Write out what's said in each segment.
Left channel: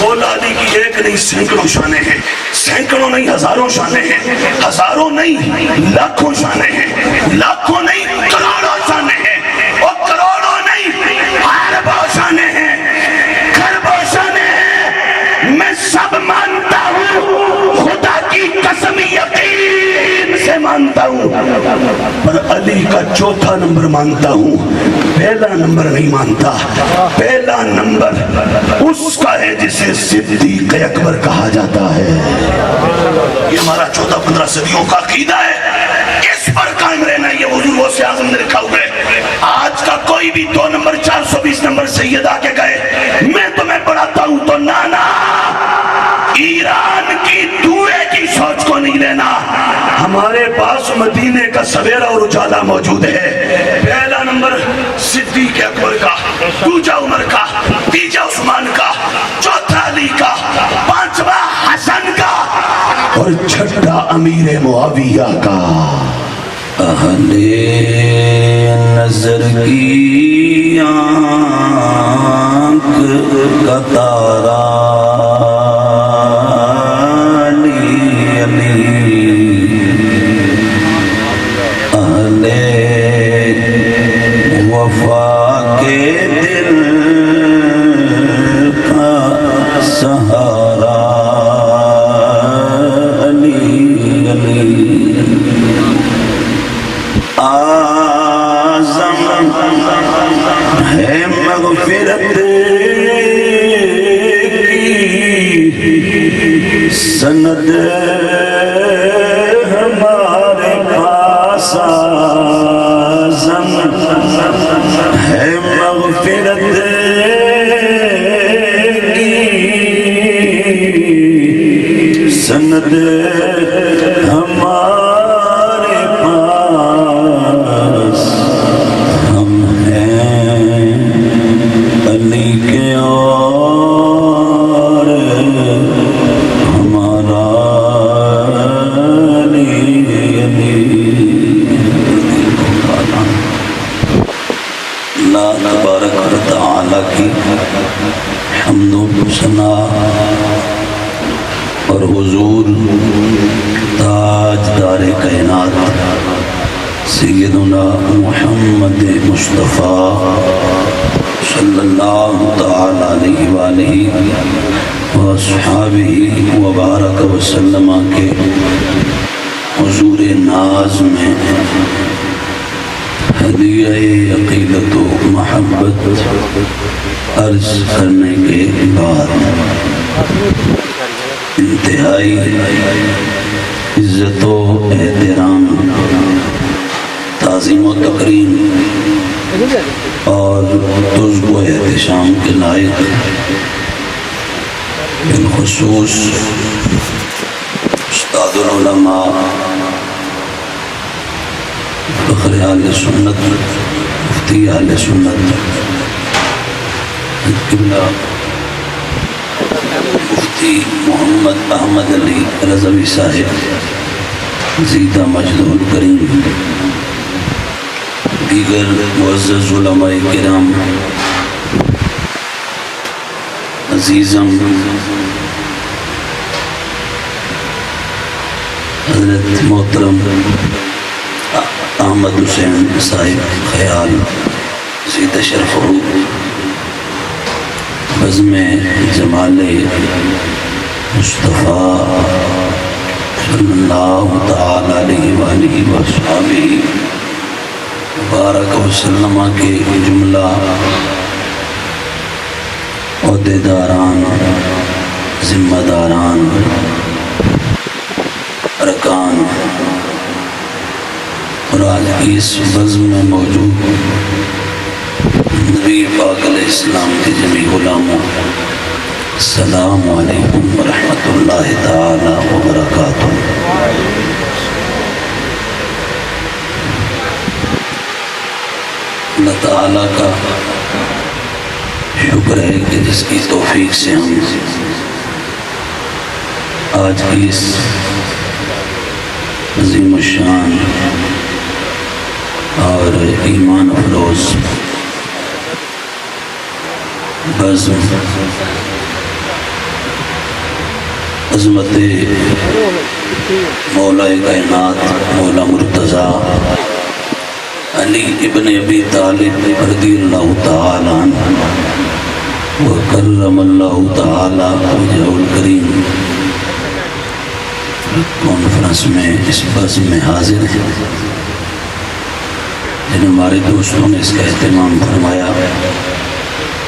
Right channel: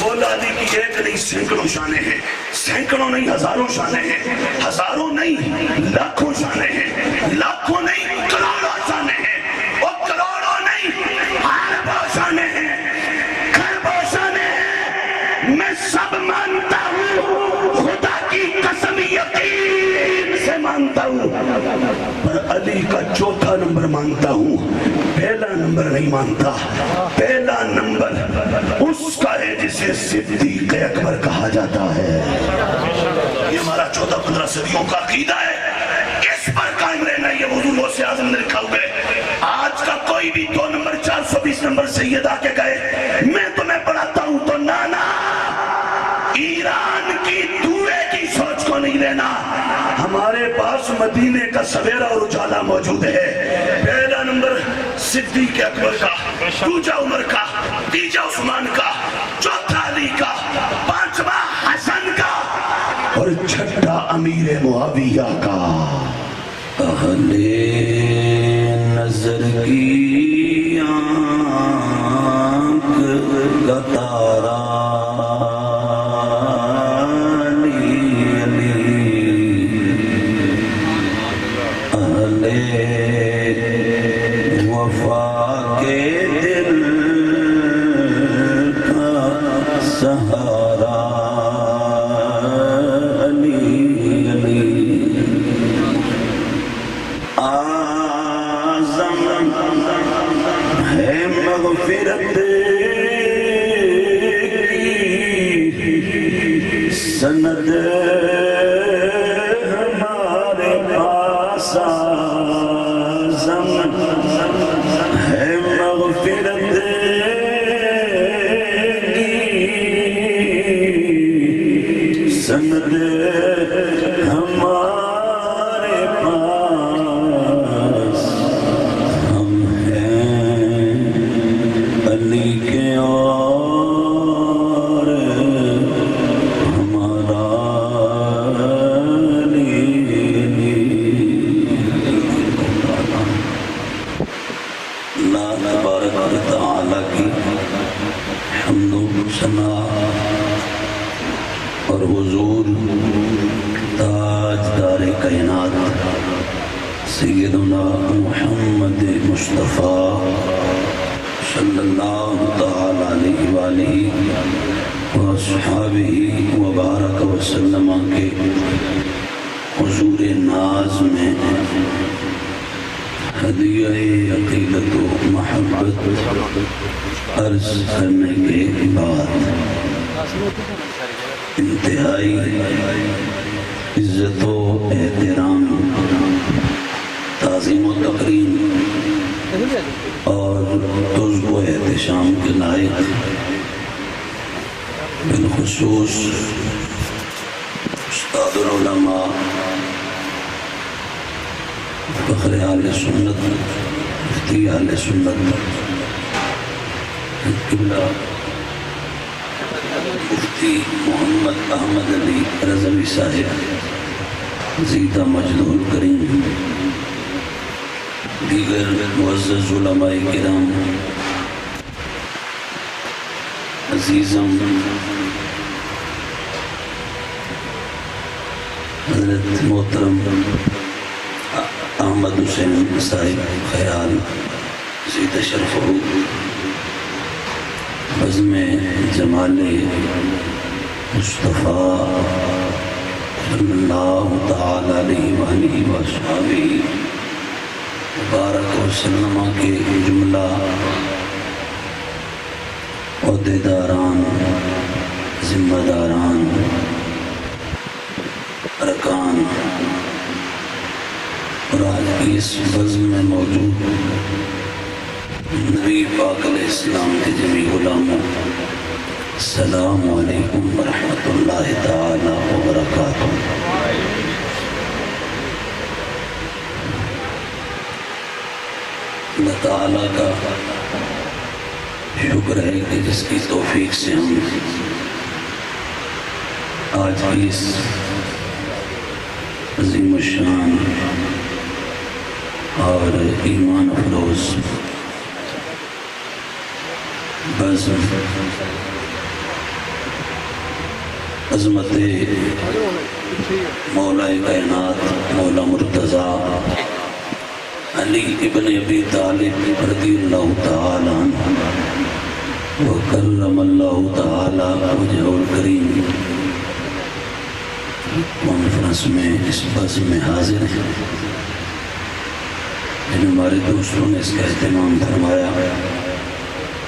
مولا علی کی ایک نہیں سینکڑوں شانیں ہیں، سینکڑوں نہیں ہزاروں شانیں ہیں، ہزاروں نہیں لاکھوں شانیں ہیں، لاکھوں نہیں کروڑوں شانیں ہیں، اور کروڑوں نہیں اربوں شانیں ہیں، کھربوں شانیں ہیں۔ میں سب مانتا ہوں، خدا کی قسم یقین سے مانتا ہوں، پر علی کا چوتھا نمبر مانتا ہوں، پہلا نمبر نہیں مانتا۔ پہلا نمبر اس کا ہے جسے صدیق اکبر کہا جاتا ہے۔ یہ ہمارا 14-15 صدیوں کا عقیدہ ہے، اس پر قائم رہنا۔ یہ حضور غوث اعظم نے لکھا ہوا ہے، آج کا کوئی بھی 2 نمبر 420 نمبر سید آ کے گئے میں تمہیں پڑھاتا ہوں تو نانا ایران کی دورے کی سوچ کو نہیں لینا، ہمارے پاس مدینے کا سویرا اور اجالا موجود ہے۔ پہلا نمبر صدیق اکبر کا، دوسرا عمر کا، تیسرا عثمان کا، چوتھا علی کا، پانچواں حسن کا، اور چھٹا امیر معاویہ کا۔ اہل نظر کی آنکھ کا تارا سند ہمارے پاس آزم ہے، مغفرت کی سند ہمارے پاس، ہم ہیں علی کے اور ہمارا اللہ تبارک و تعالی کی حمد و ثنا اور حضور تاجدار کائنات سیدنا محمد مصطفیٰ صلی اللہ تعالی علیہ وآلہ وصحابہ وبارک وسلم کے حضور ناز میں ہدیہ عقیدت و محبت عرض کرنے کے بعد انتہائی عزت و احترام، تعظیم و تکریم اور تذب و احتشام کے لائق بالخصوص استاد العلماء فخر اہل سنت مفتی اہل سنت قبلہ مفتی محمد احمد علی رضوی صاحب زیدہ مجد الکریم، دیگر معزز علماء کرام، عزیزم حضرت محترم احمد حسین صاحب خیال زیدہ شرف ہو، بزم جمال مصطفیٰ صلی اللہ تعالی علیہ وآلہ وصحبہ مبارک وسلم کے جملہ عہدیداران، ذمہ داران، ارکان اور آج کی اس بزم میں موجود نبی پاک علیہ السلام کے جمیع غلاموں، السلام علیکم ورحمۃ اللہ تعالی وبرکاتہ۔ اللہ تعالیٰ کا شکر ہے کہ جس کی توفیق سے ہم آج کی اس عظیم الشان اور ایمان افروز بزم عظمت مولا کائنات مولا مرتضیٰ علی ابن ابی طالب رضی اللہ تعالیٰ عنہ وکرم اللہ تعالیٰ وجہہ الکریم کانفرنس میں اس بزم میں حاضر ہیں، جن ہمارے دوستوں نے اس کا اہتمام فرمایا۔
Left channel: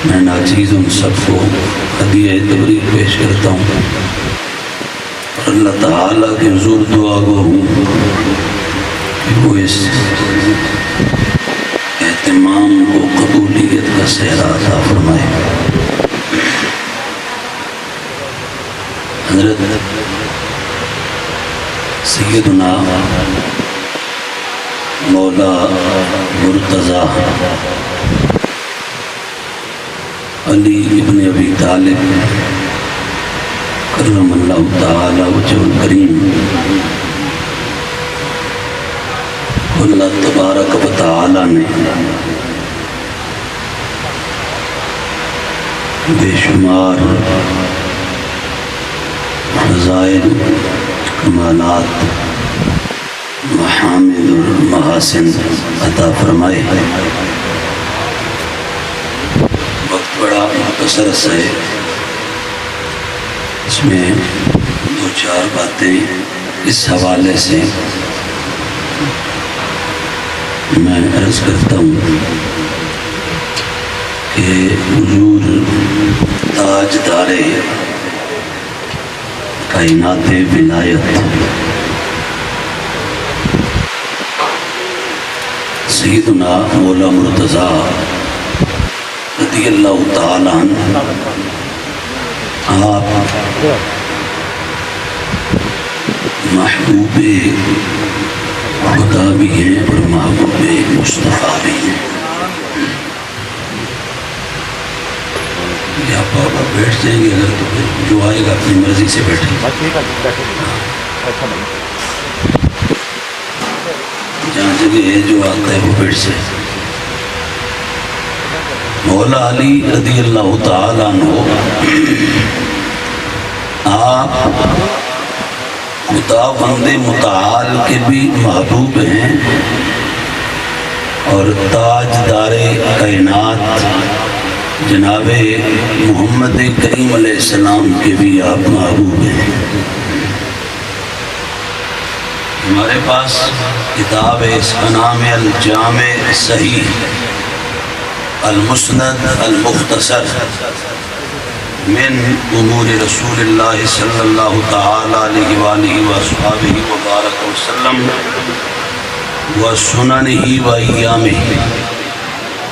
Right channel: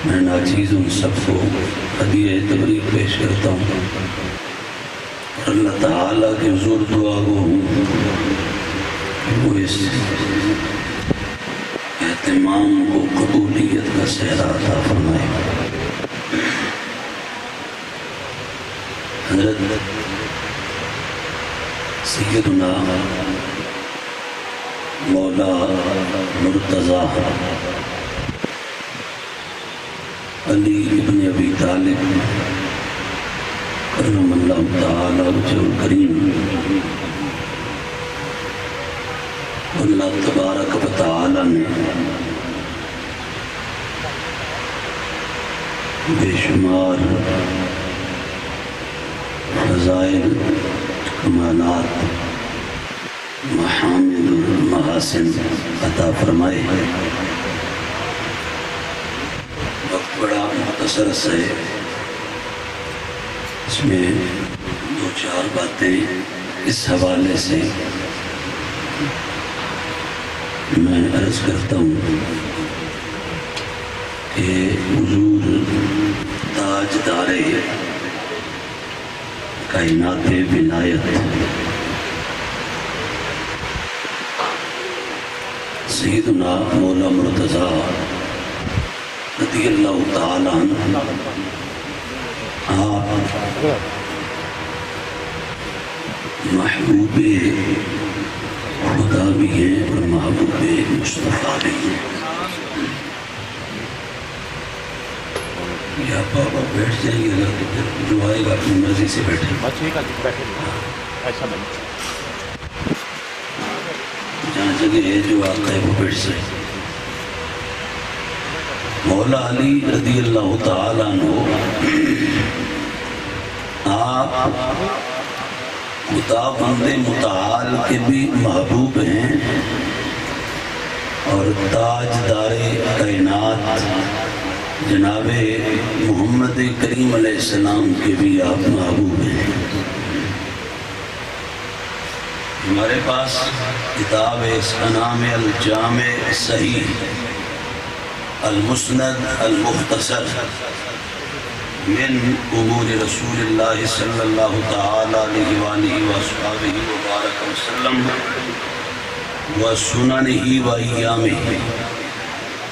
میں ناچیز ان سب کو ہدیہ تبریک پیش کرتا ہوں اور اللہ تعالیٰ کے حضور دعا گو ہوں کہ وہ اس اہتمام کو قبولیت کا صحرا عطا فرمائے۔ حضرت سیدنا مولا مرتضیٰ علی ابن ابی طالب کرم اللہ تعالی وجہ الکریم اللہ تبارک و تعالی نے بے شمار فضائل، کمالات، محامد اور محاسن عطا فرمائے۔ وقت بڑا مختصر ہے، اس میں دو چار باتیں اس حوالے سے میں عرض کرتا ہوں کہ حضور تاجدار کائنات ولایت سیدنا مولا مرتضیٰ رضی اللہ تعالیٰ عنہ آپ محبوب خدا بھی ہیں اور محبوب مصطفیٰ بھی ہیں۔ یا بابا بیٹھ جائیں گے اگر تو پھر جو آئے گا اپنی مرضی سے بیٹھے، جہاں جگہ ہے جو آتا ہے وہ بیٹھ جائے۔ مولا علی رضی اللہ تعالیٰ عنہ آپ خداوند متعال کے بھی محبوب ہیں اور تاجدار کائنات جناب محمد کریم علیہ السلام کے بھی آپ محبوب ہیں۔ ہمارے پاس کتاب ہے، اس کا نام ہے الجامع صحیح المسند المختصر من امور رسول اللہ صلی اللہ تعالی علیہ وآلہ وصحبہ وبارک وسلم وسننہ وایامہ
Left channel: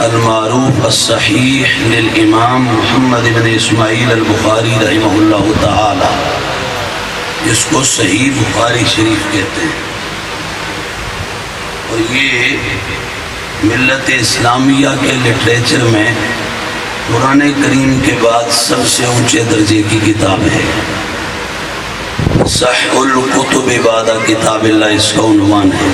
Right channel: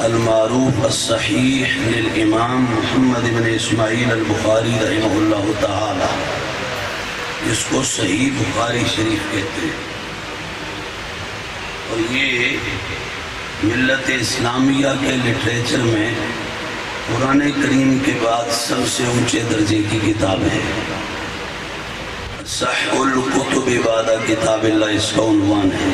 المعروف الصحیح للامام محمد بن اسماعیل البخاری رحمہ اللہ تعالی، جس کو صحیح بخاری شریف کہتے ہیں۔ اور یہ ملت اسلامیہ کے لٹریچر میں قرآن کریم کے بعد سب سے اونچے درجے کی کتاب ہے۔ صح الکتب بعد کتاب اللہ اس کا عنوان ہے۔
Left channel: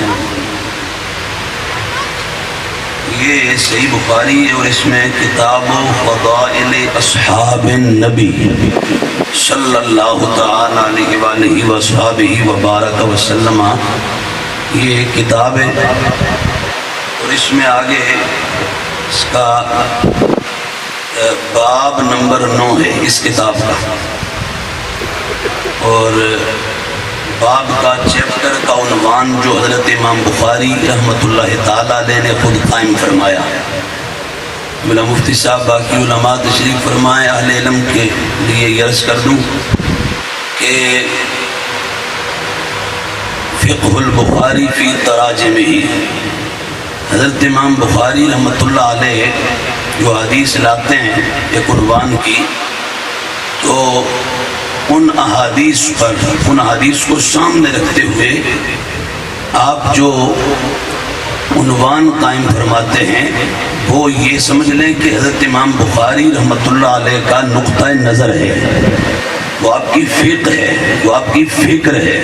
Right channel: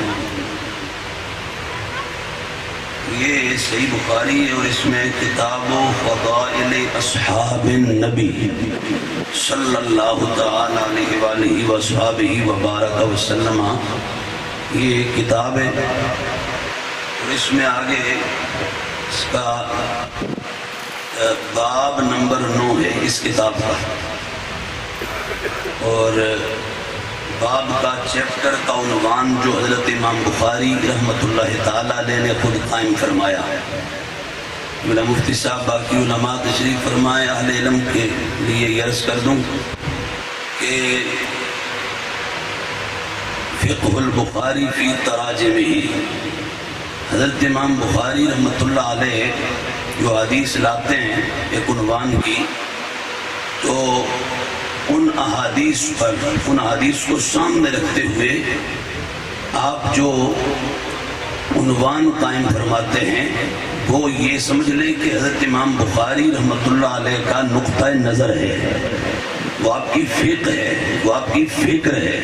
یہ صحیح بخاری ہے اور اس میں کتاب فضائل اصحاب النبی صلی اللہ تعالی علیہ وآلہ وصحبہ وبارک وسلم یہ کتاب ہے، اور اس میں آگے اس کا باب نمبر 9 ہے اس کتاب کا، اور باب کا چیپٹر کا عنوان جو حضرت امام بخاری رحمۃ اللہ تعالی علیہ نے خود قائم فرمایا۔ مولا مفتی صاحب باقی علماء تشریف فرمائے، اہل علم کے لیے یہ عرض کر دوں کہ فقہ البخاری فی تراجمہ، حضرت امام بخاری رحمۃ اللہ علیہ جو حدیث لاتے ہیں ایک عنوان کی، تو ان احادیث کو سامنے رکھتے ہوئے آپ جو عنوان قائم فرماتے ہیں وہ یہ سمجھ لیں کہ حضرت امام بخاری رحمۃ اللہ علیہ کا نقطہ نظر ہے، وہ آپ کی فقہ ہے، وہ آپ کی فکر ہے،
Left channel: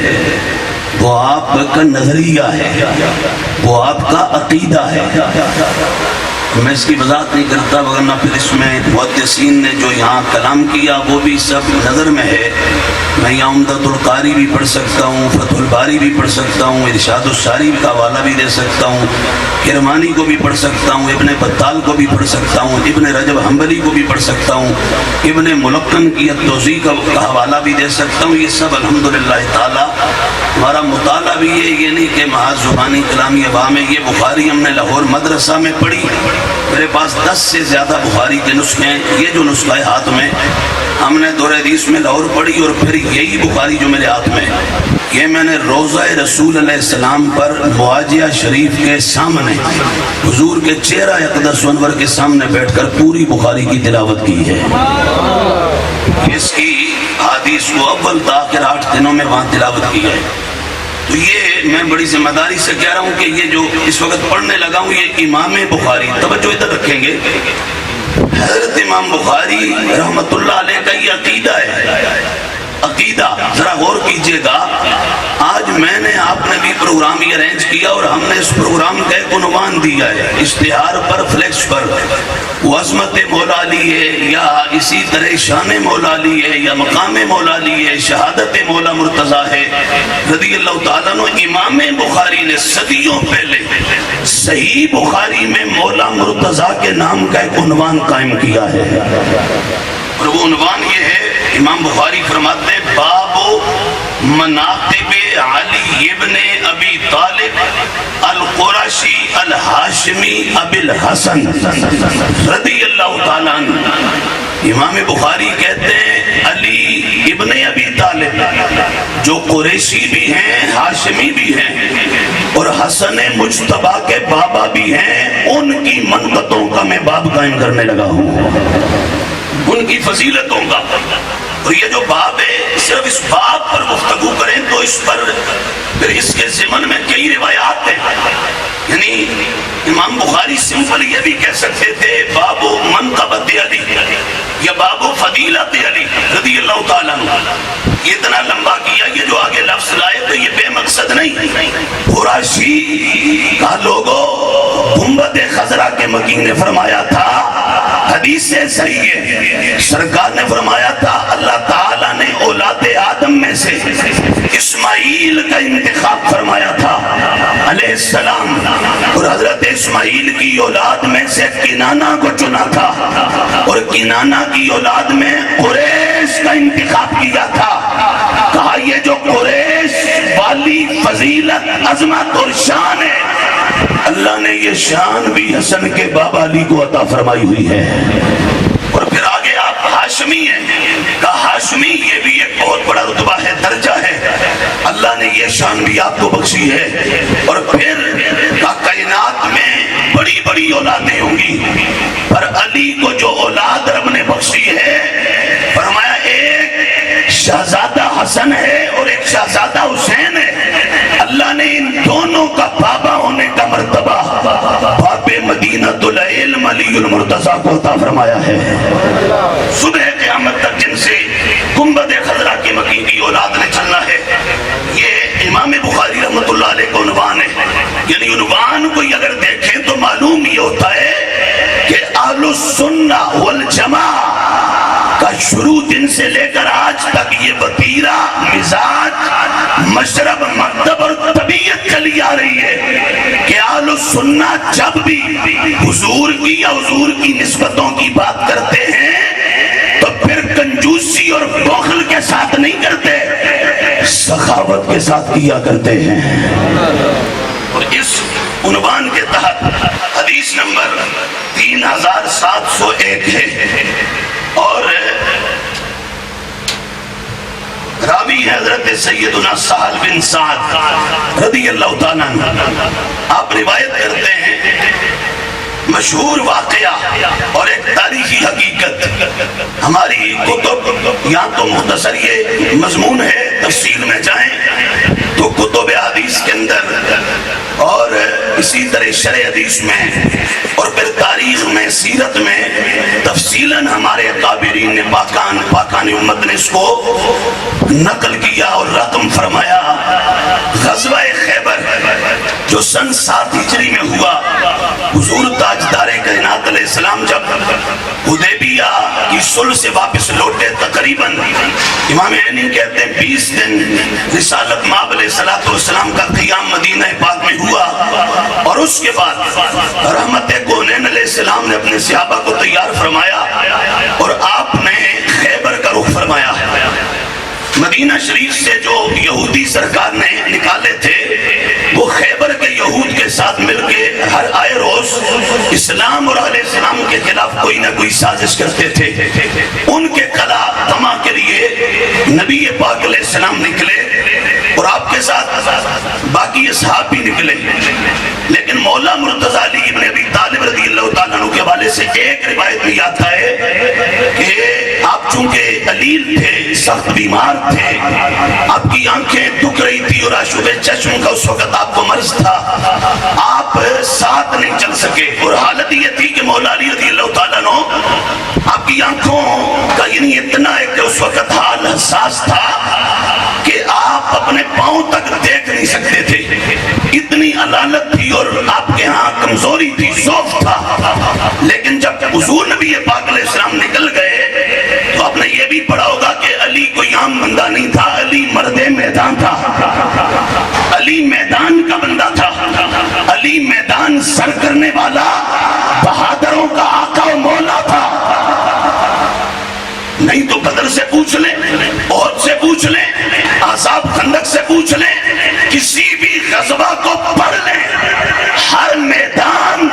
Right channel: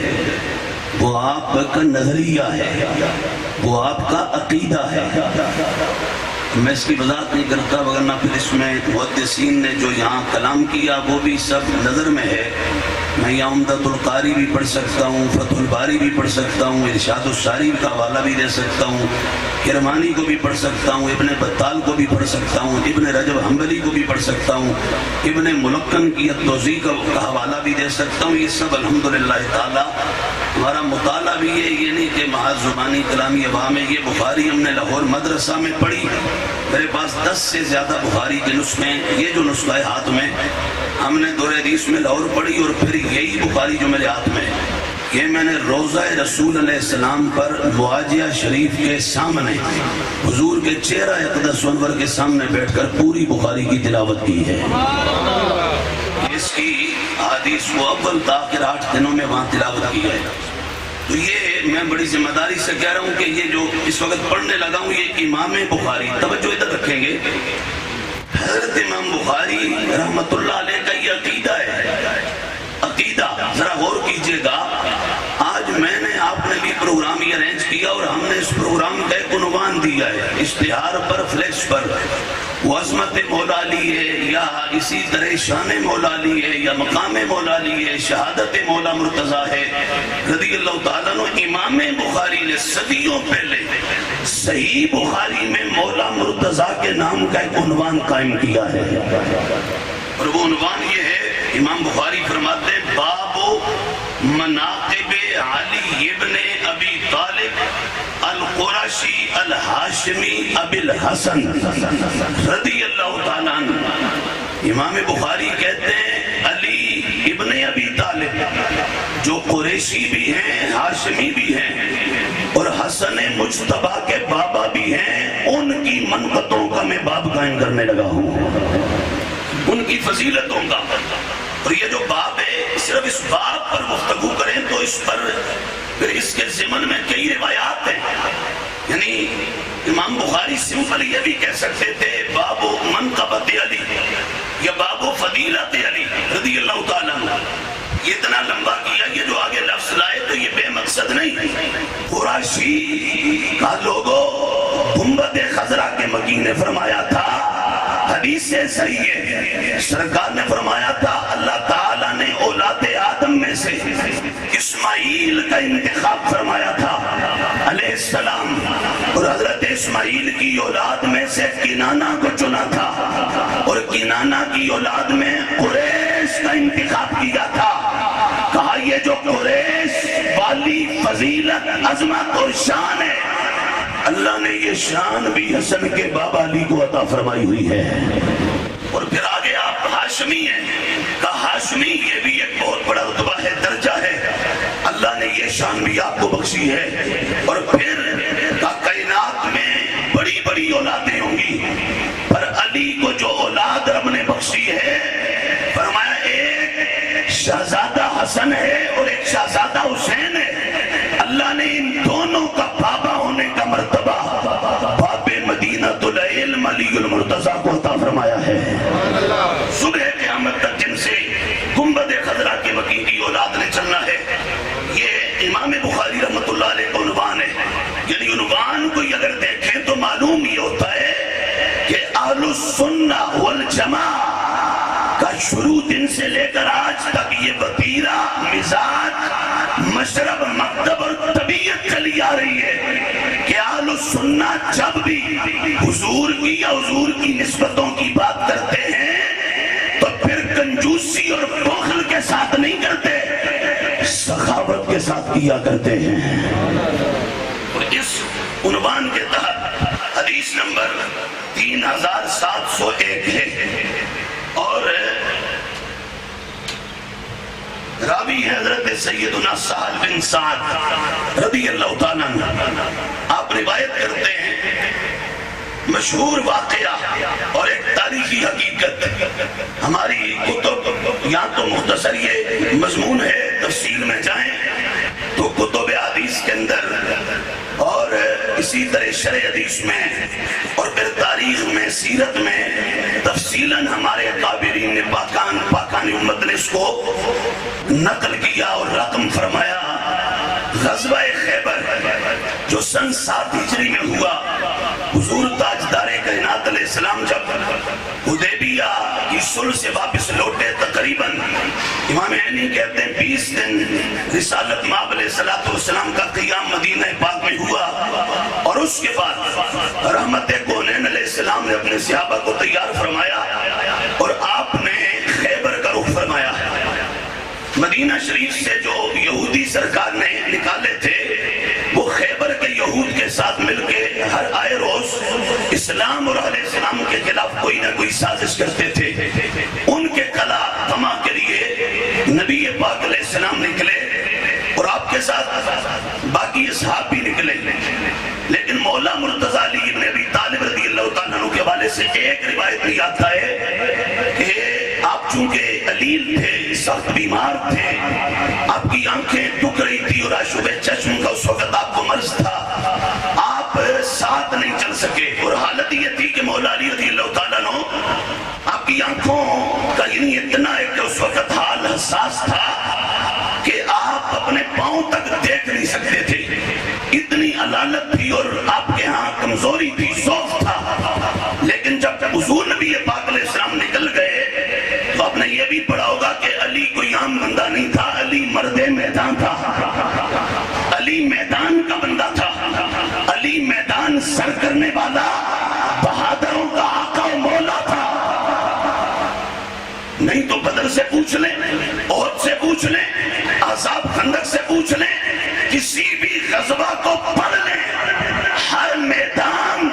وہ آپ کا نظریہ ہے، وہ آپ کا عقیدہ ہے۔ میں اس کی وضاحت نہیں کرتا، ورنہ پھر اس میں محدثین نے جو یہاں کلام کیا وہ بھی سب نظر میں ہے، میں یہاں عمدۃ القاری بھی پڑھ سکتا ہوں، فتح الباری بھی پڑھ سکتا ہوں، ارشاد الساری کا حوالہ بھی دے سکتا ہوں، کرمانی کو بھی پڑھ سکتا ہوں، ابن بطال کو بھی پڑھ سکتا ہوں، ابن رجب حنبلی کو بھی پڑھ سکتا ہوں، ابن ملقن کی التوضیح کا حوالہ بھی دے سکتا ہوں۔ یہ سب الحمدللہ تعالی ہمارا مطالعہ بھی ہے، یہ نہیں کہ محض زبانی کلامی عوام ہے۔ یہ بخاری ہم نے لاہور مدرسہ میں پڑھی، میرے پاس 10 سے زیادہ بخاری کے نسخے ہیں۔ یہ جو نسخہ ہے ہاتھ میں، ہم نے دور حدیث میں لاہور پڑھی، اور پھر یہی بخاری جو میرے ہاتھ میں، یہ میں نے روضہ رسول علیہ السلام پر معاجیہ شریف کے سامنے حضور کے چہرہ اقدس انور کے سامنے بیٹھ کر پوری بخاری کی تلاوت کی ہے۔ اس کی حدیث کو اول تا آخر 8 دنوں میں وہاں تلاوت کی ہے۔ تو یہ میں بڑی ذمہ داری سے کہہ رہا ہوں کہ یہ جو اس وقت پڑھنے لگا ہوں، یہ امام بخاری، توجہ ادھر رکھیں گے، حضرت امام بخاری رحمت اللہ علیہ کا یہ عقیدہ ہے۔ عقیدہ ذرا غور کیجئے گا۔ آج میں نے، آپ نے بھی پروگرام یہ ارینج کیا، اور ہم نے اس پروگرام کا ایک عنوان دیا ہے، اشتہار پر، فلیکس پر، وہ عظمت مولا علی ہے، یا اسی طرح شان مولا علی ہے، یا مقام مولا علی ہے، شہادت مولا مرتضیٰ ہے رضی اللہ تعالیٰ عنہ۔ امام بخاری نے صدیوں پہلے صحیح بخاری میں مولا مرتضیٰ کے نام کا ایک عنوان قائم کیا ہے، اور وہ عنوان یہ ہے، امام بخاری فرماتے ہیں باب مناقب علی ابن ابی طالب القرشی الہاشمی ابی الحسن رضی اللہ تعالیٰ عنہ۔ امام بخاری کہتے ہیں علی ابن ابی طالب جو قریشی بھی ہیں، ہاشمی بھی ہیں، اور حسن مجتبیٰ کے بابا بھی ہیں، ان کی منقطوں کا میں باب قائم کرنے لگا ہوں، ان کی فضیلتوں کا۔ اور یہ جو باب ہے، صرف اس باب پر گفتگو کریں تو اس پر پھر اس کے ضمن میں کئی روایات ہیں۔ یعنی امام بخاری سمپل یہ بھی کہہ سکتے تھے باب منقبت علی یا باب فضیلت علی رضی اللہ تعالیٰ عنہ۔ یہ اتنا لمبا کیا، یہ جو آگے لفظ لائے تو یہ بے مقصد نہیں۔ قریشی کا لوگو گنبد خضرا کے مکین نے فرمایا تھا، حدیث سے صحیح ہے، سرکار نے فرمایا تھا اللہ تعالیٰ نے اولاد آدم میں سے اسماعیل کا انتخاب فرمایا تھا علیہ السلام، اور حضرت اسماعیل کی اولاد میں سے کنانہ کو چنا تھا، اور کنانہ کی اولاد میں قریش کا انتخاب کیا تھا۔ کہا یہ جو قریش والی فضیلت، عظمت اور شان ہے، اللہ نے یہ شان بھی حسن کے بابا علی کو عطا فرمائی ہوئی ہے۔ اور پھر آگے آپ ہاشمی ہیں، کہا ہاشمی یہ بھی ایک بہت بڑا رتبہ ہے، درجہ ہے، اللہ نے یہ شان بھی آپ کو بخشی ہے۔ اور پھر کائنات میں بڑی بڑی اولادیں ہوں گی، پر علی کو جو اولاد رب نے بخشی ہے، فرمایا ایک شہزادہ حسن ہے اور ایک شہزادہ حسین ہے، اللہ نے ان دونوں کا بابا ہونے کا مرتبہ باب مدینۃ العلم علی المرتضیٰ کو عطا فرمایا ہے۔ صبح قیامت تک جن سے گنبد خضرا کے مکین کی اولاد نے چلنا ہے، یہ امام بخاری رحمت اللہ علیہ کو عنوان ہے۔ یعنی عنوان کو اگر دیکھیں تو معلوم یہ ہوتا ہے کہ اہل السنہ والجماعہ کا شروع دن سے لے کر آج تک یہ وتیرہ، مزاج، مشرب، مکتب اور طبیعت چلی آ رہی ہے کہ اہل السنہ جب بھی حضور کی یا حضور کی نسبتوں کی بات کرتے ہیں تو پھر کنجوسی اور بخل کے ساتھ نہیں کرتے، سخاوت کے ساتھ کیا کرتے ہیں۔ اور اس عنوان کے تحت حدیث نمبر 3701 ہے، اور راوی ہے حضرت سیدنا سہل بن سعد رضی اللہ تعالیٰ عنہ۔ آپ روایت کرتے ہیں مشہور واقعہ اور ایک تاریخی حقیقت، ہماری کتب یا تو مختصر یہ مضمون ہے، تفصیل میں جائیں تو کتب حدیث کے اندر، اور اسی طرح شرح حدیث میں، اور پھر تاریخ میں، سیرت میں تفصیلاً ہمارے اکابرین نے، پاکان امت نے اس کو نقل کیا اور رقم فرمایا۔ غزوہ خیبر جو سن 7 ہجری میں ہوا، حضور تاجدار کائنات علیہ السلام جب حدیبیہ کی صلح سے واپس لوٹے، تقریباً امام عینی کہتے ہیں 20 دن رسالت مآب علیہ السلام کا قیام مدینہ پاک میں ہوا، اور اس کے بعد رحمت کونین علیہ السلام نے اپنے صحابہ کو تیار فرمایا اور آپ نے خیبر کا رخ فرمایا۔ مدینہ شریف سے جو یہودی سرکار نے نکالے تھے وہ خیبر کے یہود کے ساتھ مل کے ہر آئے روز اسلام اور علیہ السلام کے خلاف کوئی نہ کوئی سازش کرتے تھے۔ ان کے قلع طمع کے لیے نبی پاک علیہ السلام نکلے اور آپ کے ساتھ باقی اصحاب بھی نکلے، لیکن مولا مرتضی علی ابن ابی طالب رضی اللہ تعالیٰ عنہ کے حوالے سے ایک روایت میں آتا ہے کہ آپ چونکہ علیل تھے، سخت بیمار تھے، آپ کی آنکھیں دکھ رہی تھی اور آشوب چشم کا اس وقت آپ کو مرض تھا، آپ ساتھ نہیں چل سکے، اور حالت یہ تھی کہ مولا علی رضی اللہ تعالیٰ عنہ آپ کی آنکھوں کا یعنی اتنا ہے کہ اس وقت حال حساس تھا کہ آپ اپنے پاؤں تک دیکھ نہیں سکتے تھے، اتنی علالت تھی اور آپ کے ہاں کمزوری تھی، ضعف تھا۔ لیکن جب حضور نبی پاک علیہ السلام نکل گئے تو آپ نے یہ بھی پڑھا ہوگا کہ علی کوئی عام بندہ نہیں تھا، علی مرد میدان تھا، علی میدان کا بندہ تھا، علی میدان سر کرنے والا بہادروں کا آقا و مولا تھا۔ نہیں تو بدر سے پوچھ لیں، احد سے پوچھ لیں، احزاب خندق سے پوچھ لیں، کسی بھی غزوہ کو پڑھ لیں، ہر میدان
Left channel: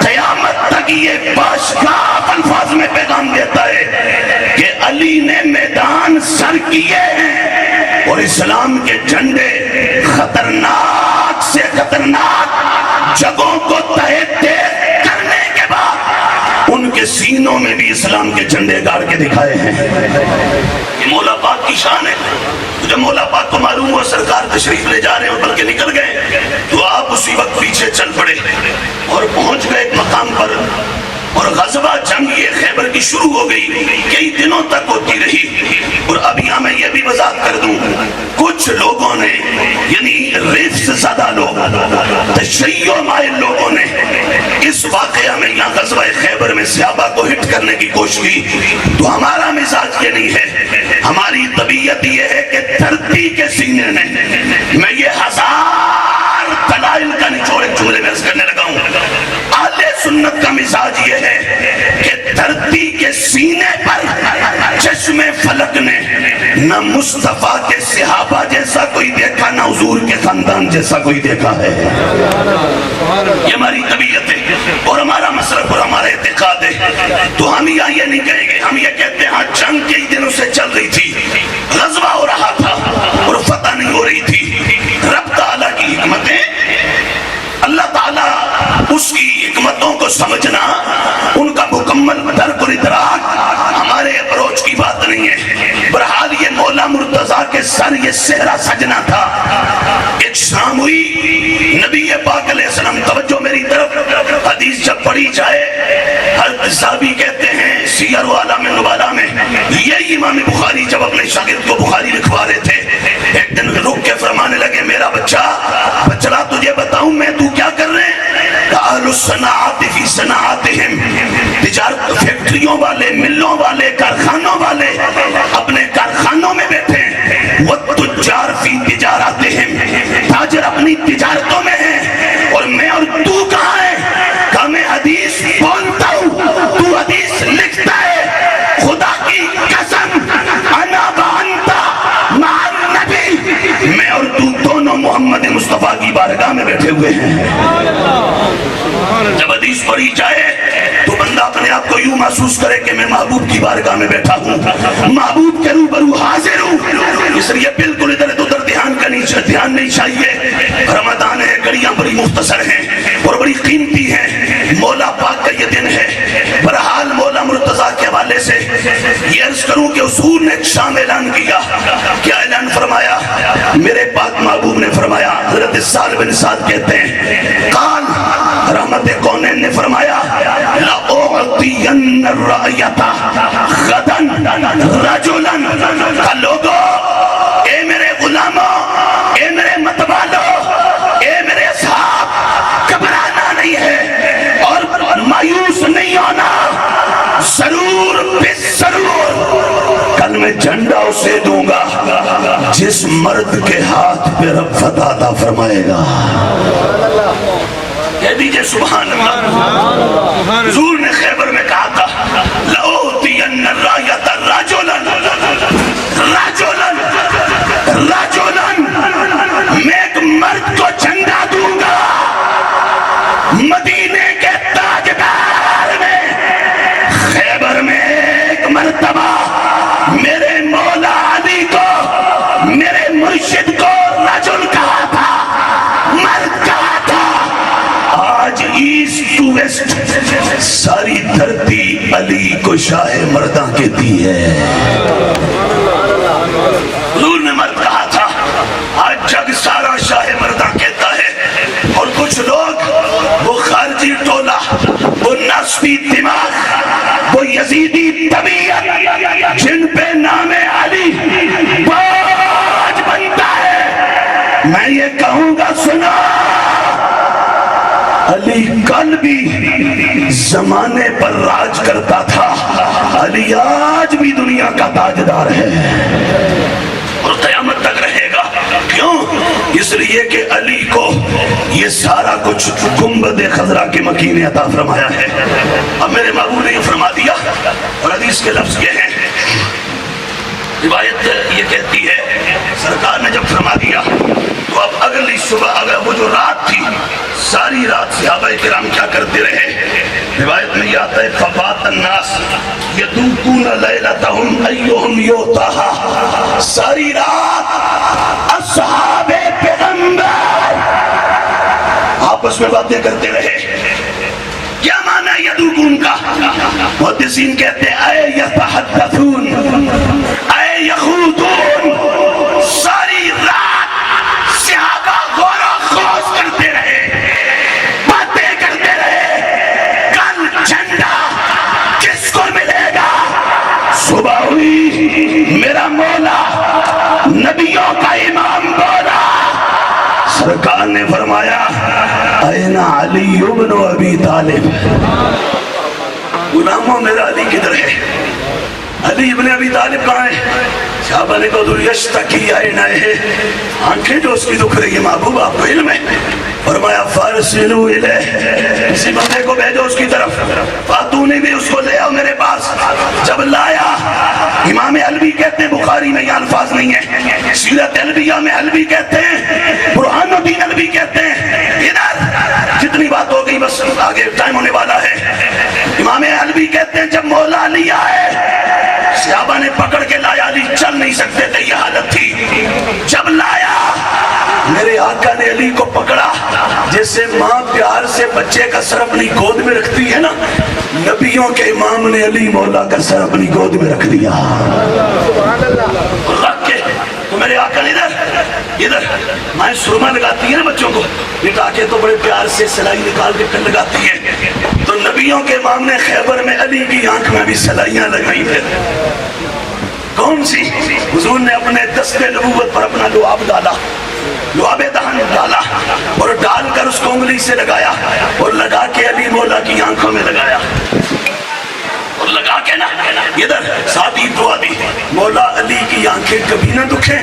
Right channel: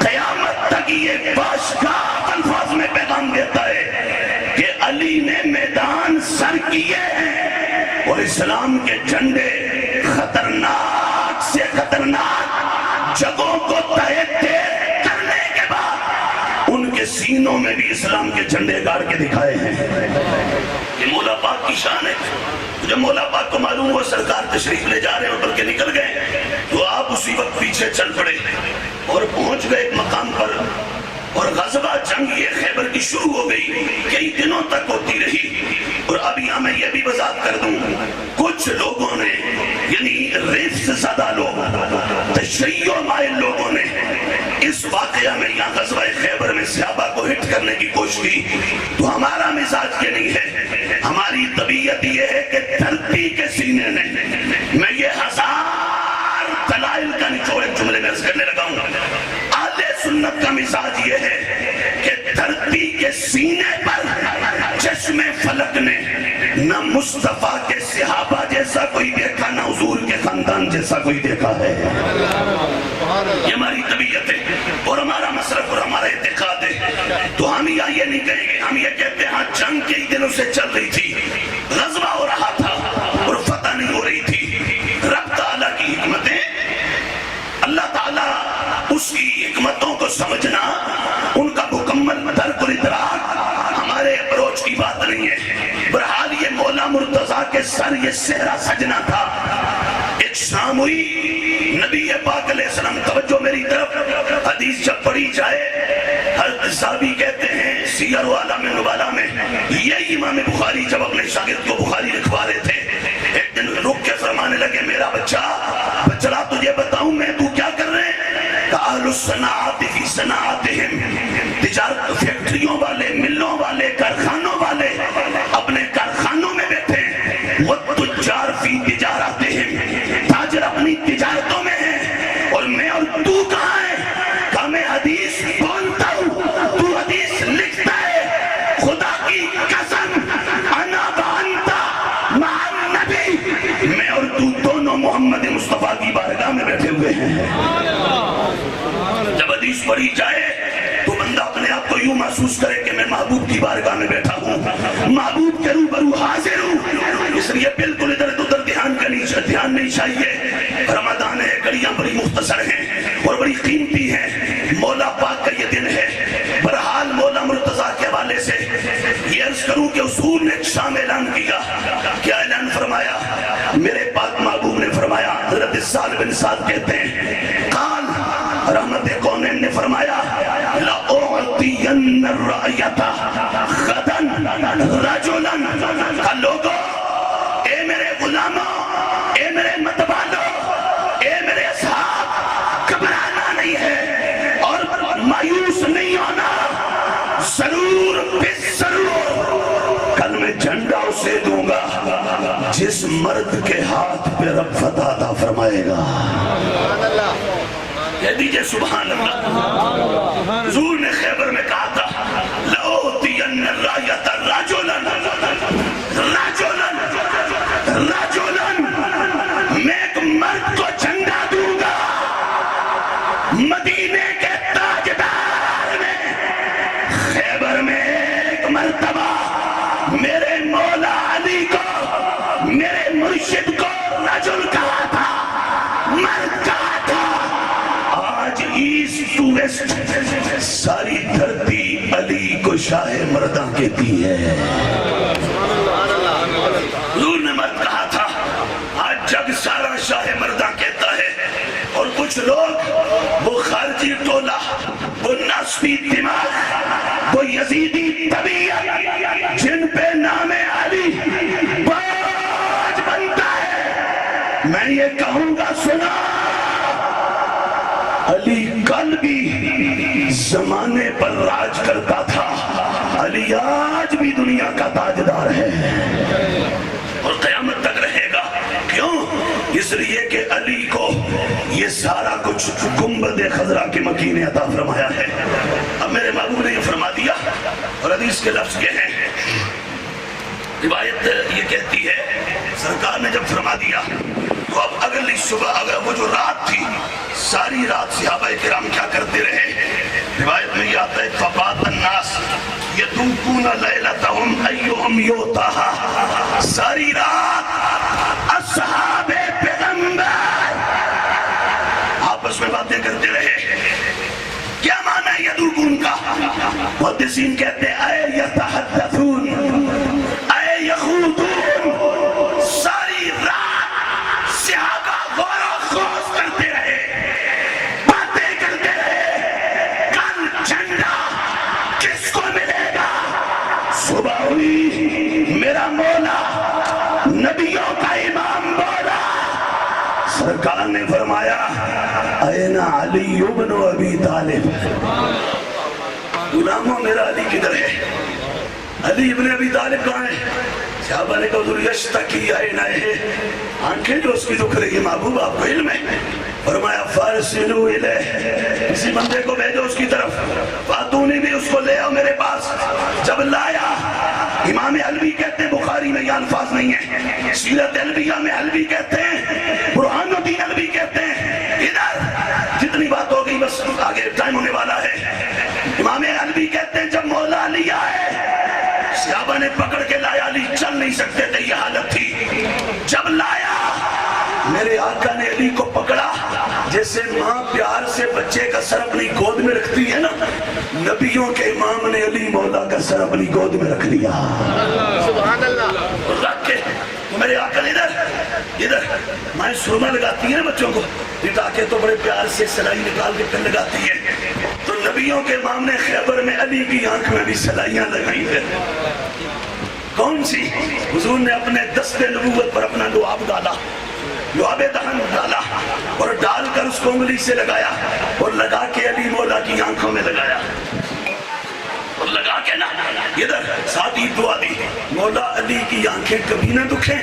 قیامت تک یہ باشگاہ الفاظ میں پیغام دیتا ہے کہ علی نے میدان سر کیے ہیں، اور اسلام کے جھنڈے خطرناک سے خطرناک جگہوں کو تہے تیز کرنے کے بعد ان کے سینوں میں بھی اسلام کے جھنڈے گاڑ کے دکھائے ہیں۔ یہ مولا پاک کی شان ہے۔ جب مولا پاک کو معلوم ہوا سرکار تشریف لے جا رہے ہیں اور بلکہ نکل گئے تو آپ اسی وقت پیچھے چل پڑے اور پہنچ گئے ایک مقام پر، اور غزوہ جنگ یہ خیبر کی شروع ہو گئی، کئی دنوں تک ہوتی رہی۔ اور اب یہاں میں یہ بھی وضاحت کر دوں، کچھ لوگوں نے یعنی رفس زدہ لوگ، تشیع مائل لوگوں نے اس واقعہ میں یہاں غزوہ خیبر میں صحابہ کو ہٹ کرنے کی کوشش کی، تو ہمارا مزاج یہ نہیں ہے، ہماری طبیعت یہ ہے کہ دھرتی کے سینے نے، میں یہ ہزار دلائل کا نچوڑ ایک جملے میں عرض کرنے لگا ہوں، اہل سنت کا مزاج یہ ہے کہ دھرتی کے سینے پر چشم فلک نے نہ مصطفیٰ کے صحابہ جیسا کوئی دیکھا، نہ حضور کے خاندان جیسا کوئی دیکھا ہے۔ یہ ہماری طبیعت ہے اور ہمارا مسلک اور ہمارا اعتقاد ہے، تو ہم یہ نہیں کہیں گے، ہم یہ کہتے ہیں ہاں جنگ کئی دنوں سے چل رہی تھی، غزوہ ہو رہا تھا اور فتح نہیں ہو رہی تھی، رب تعالیٰ کی حکمتیں، اللہ تعالیٰ اس کی حکمتوں کو سمجھنا، ان کا مکمل درک اور ادراک ہمارے اپروچ کی بات نہیں ہے۔ بہرحال یہ مولا مرتضیٰ کے سر یہ صحرا سجنا تھا۔ ایک شام ہوئی، نبی پاک علیہ السلام، توجہ میری طرف، حدیث جب پڑھی جائے، حضرت صحابی کہتے ہیں سیر و اعلام نبلاء میں، یہی امام بخاری جب اپنے شاگرد کو بخاری لکھوا رہے تھے، ایک دن رک کے فرمانے لگے، میرا بچڑا تجھے بتاؤں میں تو کیا کر رہے ہیں؟ اہل الصناعات فی صناعاتہم، تجارت فیکٹریوں والے، ملوں والے، کارخانوں والے اپنے کارخانوں میں بیٹھے ہیں، والتجار فی تجاراتہم، تاجر اپنی تجارتوں میں ہیں، اور میں اور تو کہاں ہے؟ کہ میں حدیث بولتا ہوں، تو حدیث لکھتا ہے، خدا کی قسم انا وانتا مع النبی، میں اور تو دونوں محمد مصطفیٰ کی بارگاہ میں بیٹھے ہوئے ہیں۔ جب حدیث پڑھی جائے تو بندہ اپنے آپ کو یوں محسوس کرے کہ میں محبوب کی بارگاہ میں بیٹھا ہوں، محبوب کے روبرو حاضر ہوں، اس لیے بالکل ادھر ادھر دھیان نہیں چاہیے۔ رمضان ہے، گھڑیاں بڑی مختصر ہیں اور بڑی قیمتی ہیں، مولا پاک کا یہ دن ہے۔ بہرحال مولا مرتضیٰ کے حوالے سے یہ عرض کروں کہ حضور نے ایک شام اعلان کیا، کیا اعلان فرمایا؟ میرے پاک محبوب نے فرمایا، حضرت سعد بن سعد کہتے ہیں، قال رحمت کونین نے فرمایا، لَأُعْطِيَنَّ الرَّأْيَةَ غَدًا رَجُلًا، کہ لوگو، اے میرے غلاموں، اے میرے متوالو، اے میرے اصحاب، گھبرانا نہیں ہے اور مایوس نہیں ہونا، ضرور بس ضرور کل میں جھنڈا اسے دوں گا جس مرد کے ہاتھ پہ رب فتح عطا فرمائے گا. کہہ دیجئے سبحان اللہ. حضور نے خیبر میں کہا تھا لَأُعْطِيَنَّ الرَّايَةَ رَجُلًا میں ایک مرد کو جھنڈا دوں گا مدینے کے تاجدار میں. خیبر میں ایک مرتبہ میرے مولا علی کو میرے مرشد کو رجل کہا تھا, مرد کہا تھا. آج ایسٹ ٹو ویسٹ ساری دھرتی علی کو شاہ مرداں کہتی ہے. حضور نے مرد کہا تھا, آج جگ سارا شاہ مرداں کہتا ہے. اور کچھ لوگ وہ خارجی ٹولہ, وہ نسبی دماغ, وہ یزیدی طبیعت جن پہ نام علی باج بنتا ہے, میں یہ کہوں گا سنا, علی کل بھی زمانے پر راج کرتا تھا, علی آج بھی دنیا کا تاجدار ہے اور قیامت تک رہے گا. کیوں؟ اس لیے کہ علی کو یہ سارا کچھ گنبد خضرا کے مکین نے عطا فرمایا ہے. اب میرے محبوب نے یہ فرما دیا اور حدیث کے لفظ یہ ہیں, روایت یہ کہتی ہے سرکار نے جب فرما دیا تو اب اگلی صبح اگر وہ جو رات تھی ساری رات صحابہ کرام کیا کرتے رہے. روایت میں یہ آتا ہے فبات الناس یدوکون لیلتہم ایہم یوتاہا, ساری رات اصحاب پیغمبر آپس میں باتیں کرتے رہے. کیا معنی ہے یدوکون کا؟ محدثین کہتے ہیں اے یتحدثون اے یخوضون. ساری رات صحابہ غور و خوض کرتے رہے, باتیں کرتے رہے, کل جھنڈا کس کو ملے گا. صبح ہوئی, میرا مولا نبیوں کا امام بولا, سرکار نے فرمایا این علی ابن ابی طالب. غلاموں میرا علی کدھر ہے؟ علی ابن ابی طالب کہاں ہے؟ صحابہ نے کہا یشتکی عینیہ, آنکھیں جو اس کی دکھ رہی ہے محبوب آپ کو علم ہے. فرمایا فارسلوا الیہ, کسی بندے کو بھیجو اس کی طرف. فاتونی بھی اس کو لے آؤ میرے پاس. جب لایا, امام حلبی کہتے ہیں, بخاری میں یہ الفاظ نہیں ہے, سیرت حلبیہ میں حلبی کہتے ہیں, برہان الدین حلبی کہتے ہیں. ادھر جتنی بات ہو گئی بس آگے ٹائم ہونے والا ہے. امام حلبی کہتے ہیں جب مولا علی آئے صحابہ نے پکڑ کے لایا, علی چل نہیں سکتے تھے, یہ حالت تھی. جب لایا میرے آقا نے علی کو پکڑا جیسے ماں پیار سے بچے کا سر اپنی گود میں رکھتی ہے نا, نبیوں کے امام نے علی مولا کا سر اپنی گود میں رکھ دیا. رکھ کے تو میرے آقا نے ادھر مائیں سرما لگاتی ہے نا بچوں کو, لٹا کے تو بڑے پیار سے سلائی نکال کے پھر لگاتی ہے. تو نبیوں کے امام نے خیبر میں علی کی آنکھ میں بھی سلائیاں لگائی پھر. کون سی؟ حضور نے اپنے دست نبوت پر اپنا لعاب ڈالا, لعاب دہن ڈالا اور ڈال کر اس کو انگلی سے لگایا اور لگا کے علی مولا کی آنکھوں میں لگایا اور لگا کے نا ادھر ساتھ ہی دعا دی, مولا علی کی آنکھیں کبھی نہ دکھیں,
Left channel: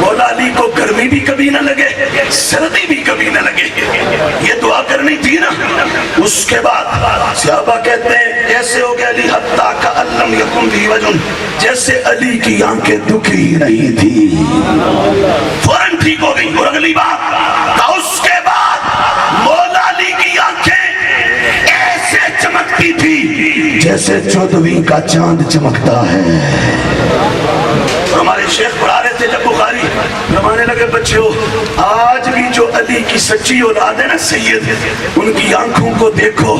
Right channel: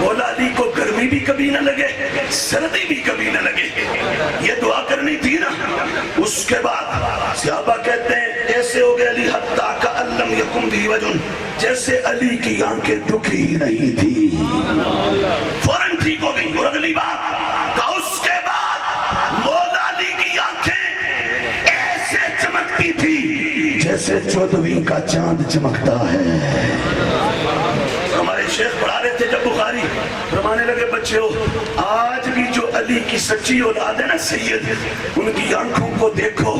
مولا علی کو گرمی بھی کبھی نہ لگے, سردی بھی کبھی نہ لگے. یہ دعا کرنی تھی نا. اس کے بعد صحابہ کہتے ہیں ایسے ہو گیا علی حتیٰ کألم یکن بھی وجن, جیسے علی کی آنکھیں دکھی ہی نہیں تھی, فوراً ٹھیک ہو گئی. اور اگلی بات کہ اس کے بعد مولا علی کی آنکھیں ایسے چمکتی تھی جیسے چودھویں کا چاند چمکتا ہے. ہمارے شیخ پڑھا رہے تھے جب بخاری, فرمانے لگے بچوں آج بھی جو علی کی سچی اولاد ہے نا سید, ان کی آنکھوں کو دیکھو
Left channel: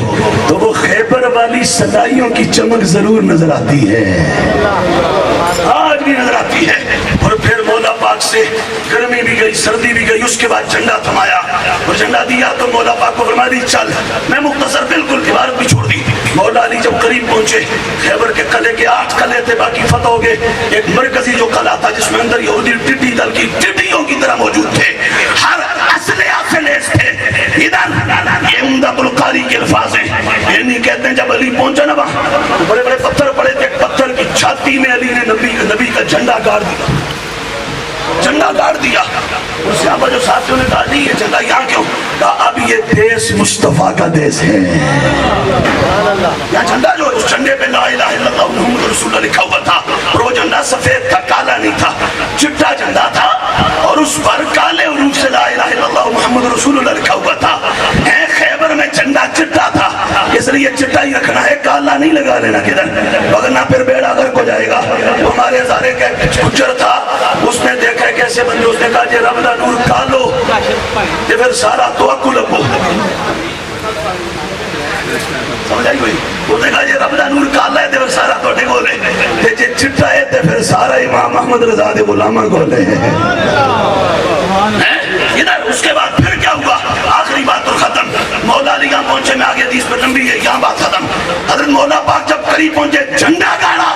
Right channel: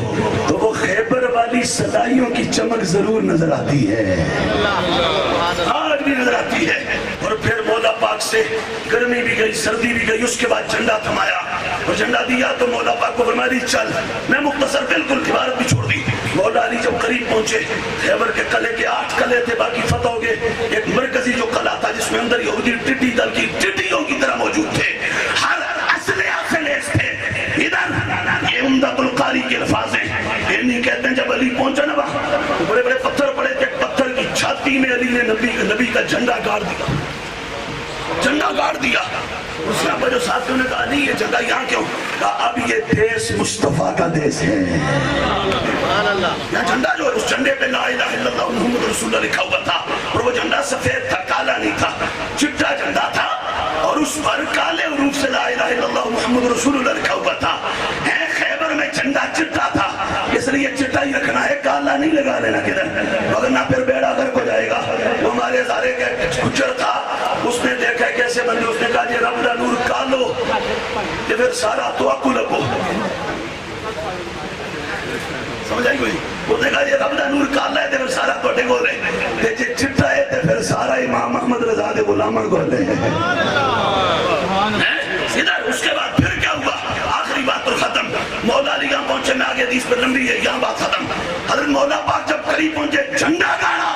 تو وہ خیبر والی سلائیوں کی چمک ضرور نظر آتی ہے, آج بھی نظر آتی ہے. اور پھر مولا پاک سے گرمی بھی گئی, سردی بھی گئی. اس کے بعد جھنڈا تھمایا اور جھنڈا دیا تو مولا پاک کو فرمایا دی چل. میں مختصر بالکل عبارت بھی چھوڑ دی. مولا علی جب قریب پہنچے, خیبر کے قلعے کے 8 قلعے تھے, باقی فتح ہو گئے. ایک مرکزی جو قلعہ تھا جس میں اندر یہودی ٹڈی دل کی ٹڈیوں کی طرح موجود تھے, ہر اسلحہ سے لیس تھے. ادھر یہ عمدۃ القاری کے الفاظ ہیں, یہ نہیں کہتے ہیں جب علی پہنچا نا وہاں بڑے بڑے پتھر پڑے تھے, پتھر کی چھاتی میں علی نے نبی کا جھنڈا گاڑ دیا، جھنڈا گاڑ دیا. اور صحابہ جو ساتھیوں نے کہا نہیں یہ جھنڈا یہاں کیوں؟ کہا اب یہ دیس مصطفیٰ کا دیس ہے. یہاں جھنڈا جو اس جھنڈے پہ لا الہ الا اللہ محمد رسول اللہ لکھا ہوا تھا، اور وہ جھنڈا سفید تھا، کالا نہیں تھا، چٹا جھنڈا تھا، اور اس پر کالے حروف سے لا الہ الا اللہ محمد رسول اللہ لکھا ہوا تھا. خیبر میں جھنڈا چٹا تھا، اس لیے چٹا ہی رکھنا ہے، کالا نہیں لگا لینا کدھر، وگرنہ پھر بیڑا غرق ہو جائے گا. ہمارے ہزارے کا گجر تھا، اس نے دیکھا کیسے بندے، اس نے کہا جی رب دا نور کالو یہ پھر سارا تو اکو لگو. سمجھ آئی کوئی؟ وہ نے کہا یہ رب دا نور کالا ہے تو پھر سارا تو ڈے گولے، جی چٹا ہے تو پھر سارا امام احمد رضا دے غلامہ گولے. ادھر اس کے بعد پھر کیا ہوا؟ آخری بات تو ختم. مولا علی یہاں پہنچے، میں آگے حدیث پر لمبی ہے، یہاں بات ختم. حضرت مولا پاک جب قریب پہنچے، جھنڈا گاڑا،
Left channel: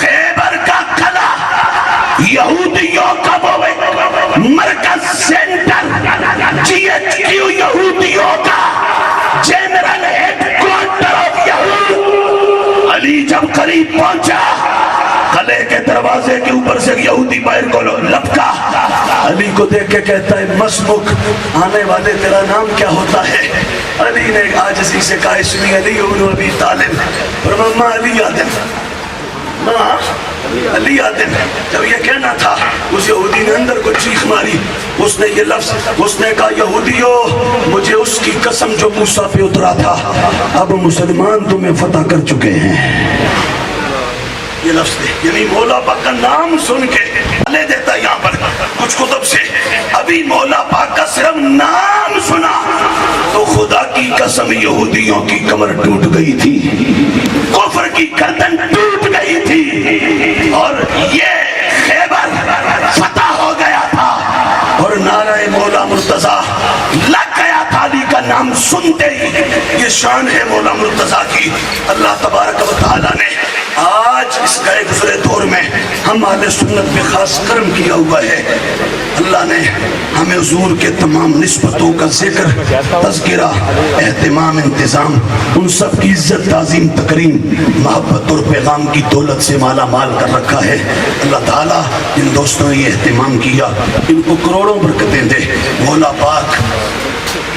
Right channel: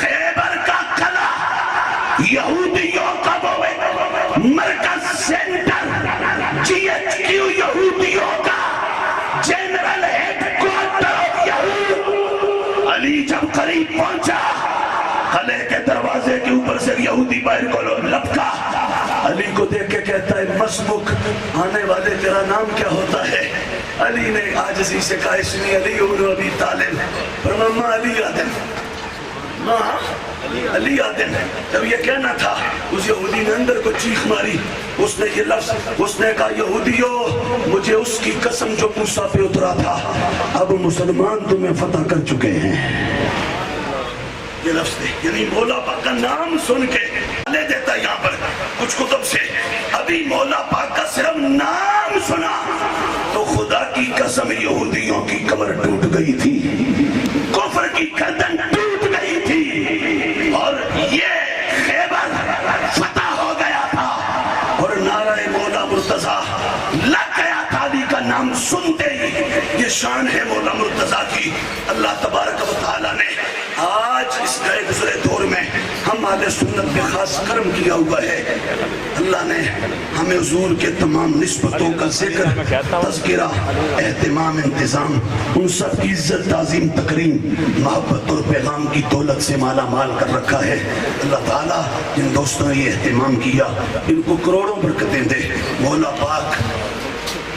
خیبر کا قلعہ، یہودیوں کا مرکز، سینٹر، جی ایچ کیو یہودیوں کا، جنرل ہیڈ کوارٹر آف یہود. علی جب قریب پہنچا، قلعے کے دروازے کے اوپر سے یہودی باہر کو لپکا. علی کو دیکھ کے کہتا ہے مسمک، آنے والے تیرا نام کیا ہوتا ہے؟ علی نے عاجزی سے کہا اسمی علی ابن ابی طالب. فرمایا علی آدم، ماں علی آدم. جب یہ کہنا تھا اس یہودی نے اندر کو چیخ ماری، اس نے یہ لفظ، اس نے کہا یہودیو مجھے اس کی قسم جو موسیٰ پہ اترا تھا، اب مسلمان تمہیں فتح کر چکے ہیں. یہ لفظ دے، یعنی مولا پاک کا نام سن کے لے دیتا یہاں پر کچھ کتب سے. ابھی مولا پاک کا صرف نام سنا تو خدا کی قسم یہودیوں کی کمر ٹوٹ گئی تھی، کفر کی گردن ٹوٹ گئی تھی، اور یہ خیبر فتح ہو گیا تھا، اور نعرہ مولا مرتضی لگ گیا تھا. علی کا نام سنتے ہی یہ شان ہے مولا مرتضی کی. اللہ تبارک و تعالی نے آج اس گئے گزرے دور میں ہم اہل سنت پہ خاص کرم کیا ہوا ہے. اللہ نے ہمیں حضور کے تمام نسبتوں کا ذکر، تذکرہ، اہتمام، انتظام، ان سب کی عزت، تعظیم، تکریم، محبت اور پیغام کی دولت سے مالا مال کر رکھا ہے. اللہ تعالیٰ جن دوستوں نے یہ اہتمام کیا ان کو کروڑوں برکتیں دے. مولا پاک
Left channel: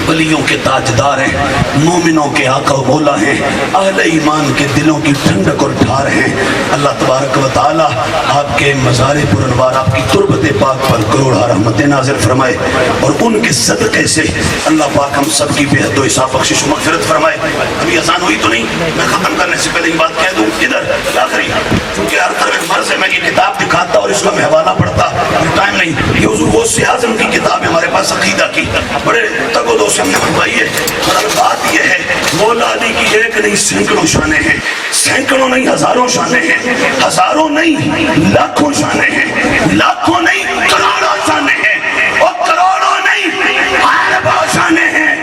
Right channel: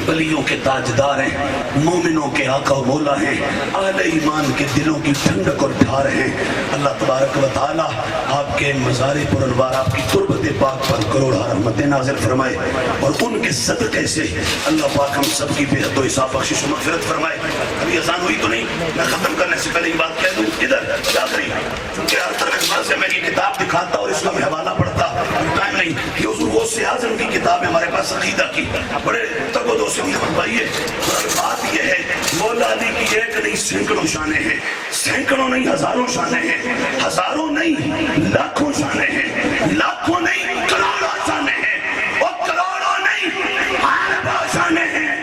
ولیوں کے تاجدار ہیں، مومنوں کے آقا و مولا ہیں، اہل ایمان کے دلوں کی ٹھنڈک اور ڈھار ہیں. اللہ تبارک و تعالی آپ کے مزار پر انوار، آپ کی تربت پاک پر کروڑا رحمتیں نازل فرمائے، اور ان کے صدقے سے اللہ پاک ہم سب کی بے حد و حساب بخشش و مغفرت فرمائے. ابھی اذان ہوئی تو نہیں، میں ختم کرنے سے پہلے یہ بات کہہ دوں. ادھر آخری، چونکہ ہر طرح مرض ہے میں یہ کتاب دکھاتا اور اس کا میں حوالہ پڑھتا، ٹائم نہیں. یہ حضور غوث اعظم کی کتاب ہے ہمارے پاس، عقیدہ کی، بڑے تگ و دو سے ہم نے بنوائی ہے. اور بات یہ ہے مولا علی کی ایک نہیں سینکڑوں شانیں ہیں، سینکڑوں نہیں ہزاروں شانیں ہیں، ہزاروں نہیں لاکھوں شانیں ہیں، لاکھوں نہیں کروڑوں شانیں ہیں، اور کروڑوں نہیں اربوں شانیں ہیں،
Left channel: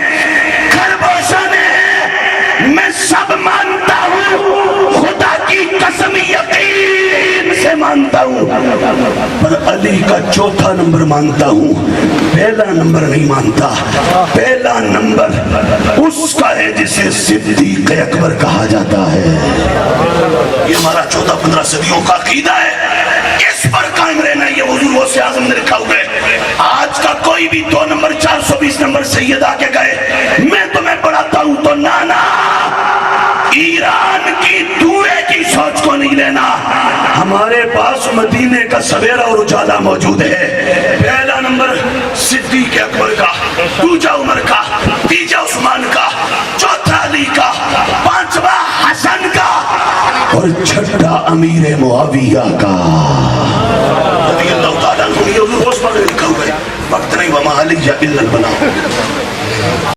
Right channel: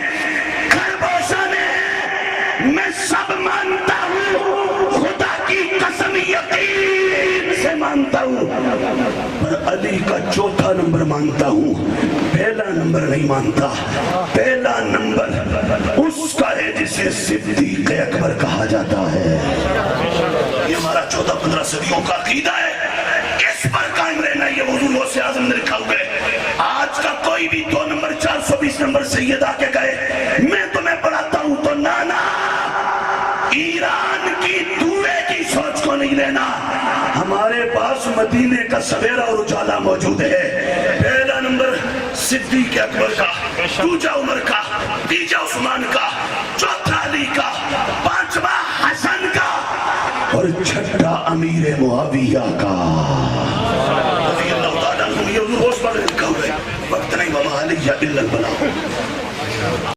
کھربوں شانیں ہیں. میں سب مانتا ہوں، خدا کی قسم یقین سے مانتا ہوں، پر علی کا چوتھا نمبر مانتا ہوں، پہلا نمبر نہیں مانتا. پہلا نمبر اس کا ہے جسے صدیق اکبر کہا جاتا ہے. یہ ہمارا 14-15 صدیوں کا عقیدہ ہے، اس پر قائم رہنا. یہ حضور غوث اعظم نے لکھا ہوا ہے. آج کا کوئی بھی 2 نمبر 420 نمبر سید آ کے گئے میں تمہیں پڑھاتا ہوں تو نانا ایران کی دھوئے کی سوچ کو نہیں لینا. ہمارے پاس مدینے کا سویرا اور اجالا موجود ہے. پہلا نمبر صدیق اکبر کا، دوسرا عمر کا، تیسرا عثمان کا، چوتھا علی کا، پانچواں حسن کا، اور چھٹا امیر معاویہ کا رضی اللہ تعالیٰ عنہ. یہ حضور غوث پاک نے لکھا ہوا ہے. وقت نہیں، وما علیہ الا البلاغ.